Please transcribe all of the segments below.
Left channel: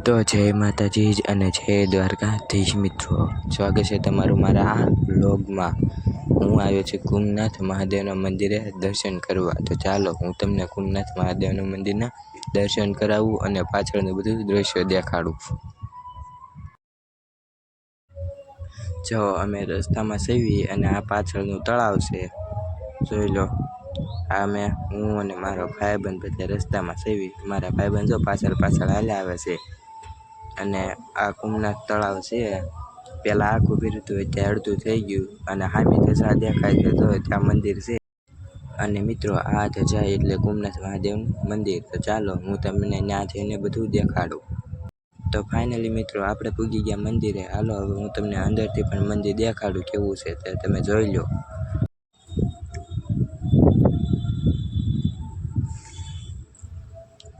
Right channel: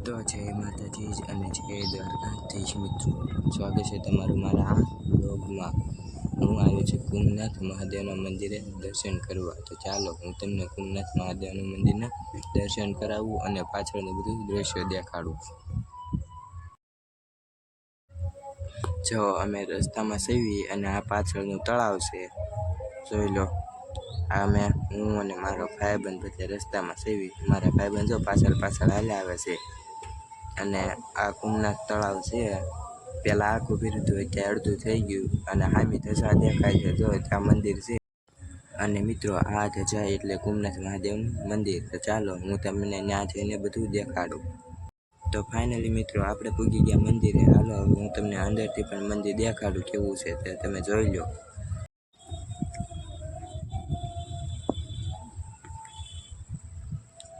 તો જય માતાજી અને જય દ્વારકાધીશ મિત્રો, સ્વાગત છે તમારું મારા આ વ્લોગમાં। હું આવ્યો છું કુમનાથ મહાદેવના મંદિરે દર્શન કરવા। તો ચાલો હું તમને કુમનાથ મહાદેવના મંદિરના દર્શન કરાવું અને પાછળનું બધું દ્રશ્ય દેખાડું। જો અમે રસ્તામાં સેવી અને આ પાછળનું તળાવ છે, જોઈ લો। હું અને મારો ભાઈબંધ બધા રસ્તામાં સેવી, મારા ભાઈબંધ જો પાછળ હાલ્યા આવે છે। અને આ કુમનાથ તળાવ છે, પેલા આખું ભર્યું હતું, અત્યારે અડધું થઈ ગયું અને સામે ધજા દેખાય છે, જો ત્યાં મંદિર છે। અને મિત્રો આ ધજા એટલે કુમનાથ મહાદેવનું મંદિર। તો ચાલો હું તમને ત્યાં જઈને બધું દેખાડું। તો ફાઇનલી મિત્રો આપણે પૂગી ગયા મંદિરે। હાલો હવે હું તમને અંદરથી પણ મંદિર દેખાડું કેવું છે તે તમે જોઈ લો।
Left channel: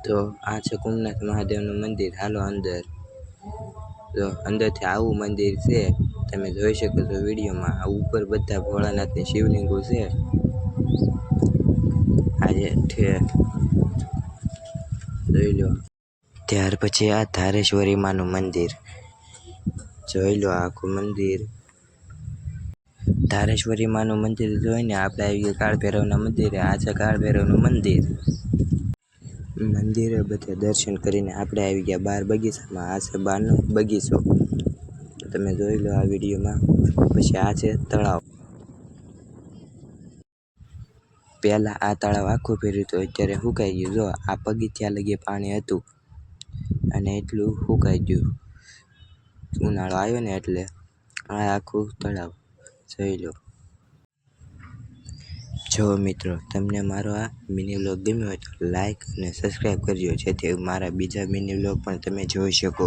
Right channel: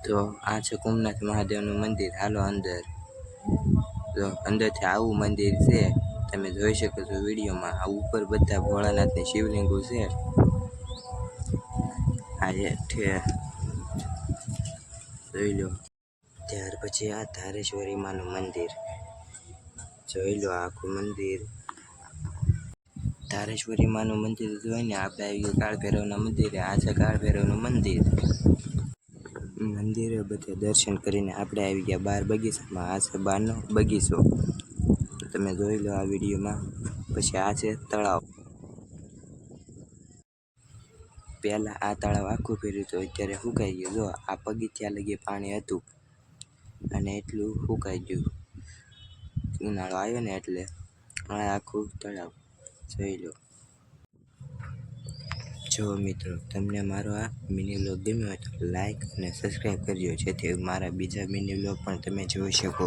તો આ છે કુમનાથ મહાદેવનું મંદિર। હાલો અંદર, તો અંદરથી આવું મંદિર છે, તમે જોઈ શકો છો વિડીયોમાં। આ ઉપર બધા ભોળાનાથની શિવલિંગો છે। આજે જોઈ લો। ત્યાર પછી આ ધારેશ્વરી માનું મંદિર, જોઈ લો આખું મંદિર। ધારેશ્વરી માનું મંદિર જોઈને આપણે આવી ગયા કાળ ભૈરવના મંદિરે। આ છે કાળ ભૈરવનું મંદિર। મંદિરે બધે દર્શન કરીને આપણે આવી ગયા બાર બગીચામાં। આ છે બારનો બગીચો, તમે જોઈ લો આ વિડીયોમાં। પછી આ છે તળાવ। પહેલાં આ તળાવ આખું ભર્યું હતું, અત્યારે સુકાઈ ગયું। જો આ પગથિયા લગી પાણી હતું અને એટલું સુકાઈ ગયું, ઉનાળો આવ્યો ને એટલે। આ આખું તળાવ જોઈ લો। જો મિત્રો તમને મારો આ મિની વ્લોગ ગમ્યો હોય તો લાઈક અને સબસ્ક્રાઈબ કરજો, જેથી મારા બીજા મિની વ્લોગ પણ તમે જોઈ શકો।